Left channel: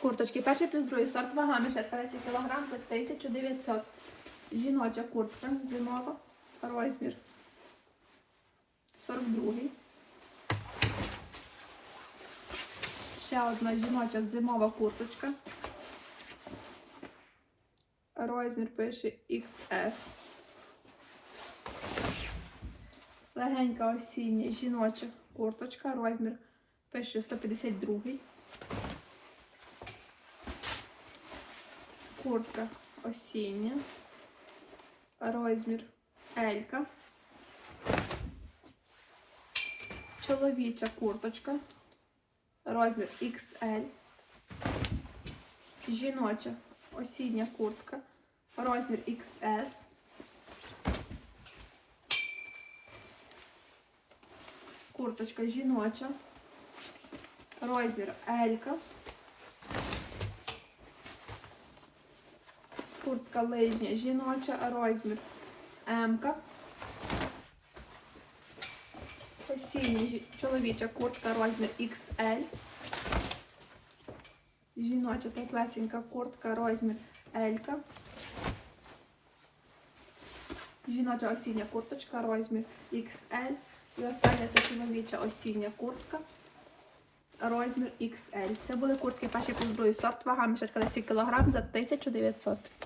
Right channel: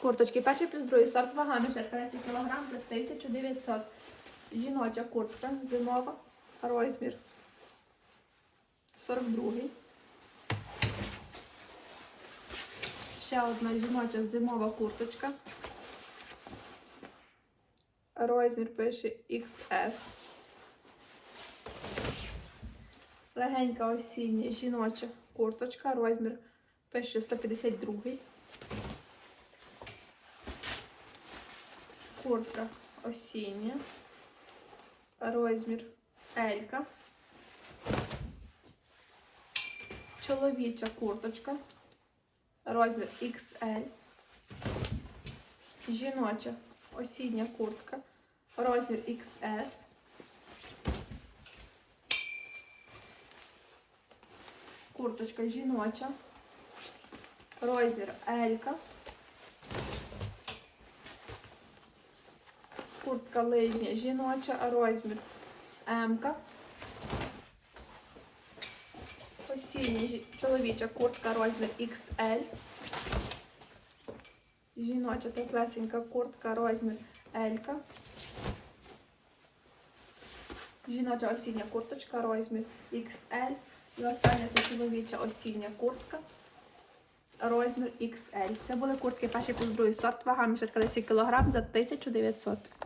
Курточки перший плюс другий сорт вага мішетка 10 кг за 1900. Жіноча куртка зимова. Розмір 42. Ще одна жіноча зимова курточка. Розмір пише XS. Легенька осіння жіноча курточка. Розмір пише 152. Куртка осіння. Розмір Елька. Чоловіча курточка. Розмір XL. Жіноча осіння куртка. Розмір XS. Курточка жіноча. Розмір Елька. Куртка лижня жіноча, розмір М-ка. Осіння чоловіча куртка, розмір XL. Жіноча теплесенька куртка, розмір L-ка. Жіноча осіння курточка, розмір XL. І остання це чоловіча осіння куртка. Розмір XL. Це були куртки перший плюс другий сорт. Вага мішечка 10 кг за 1900.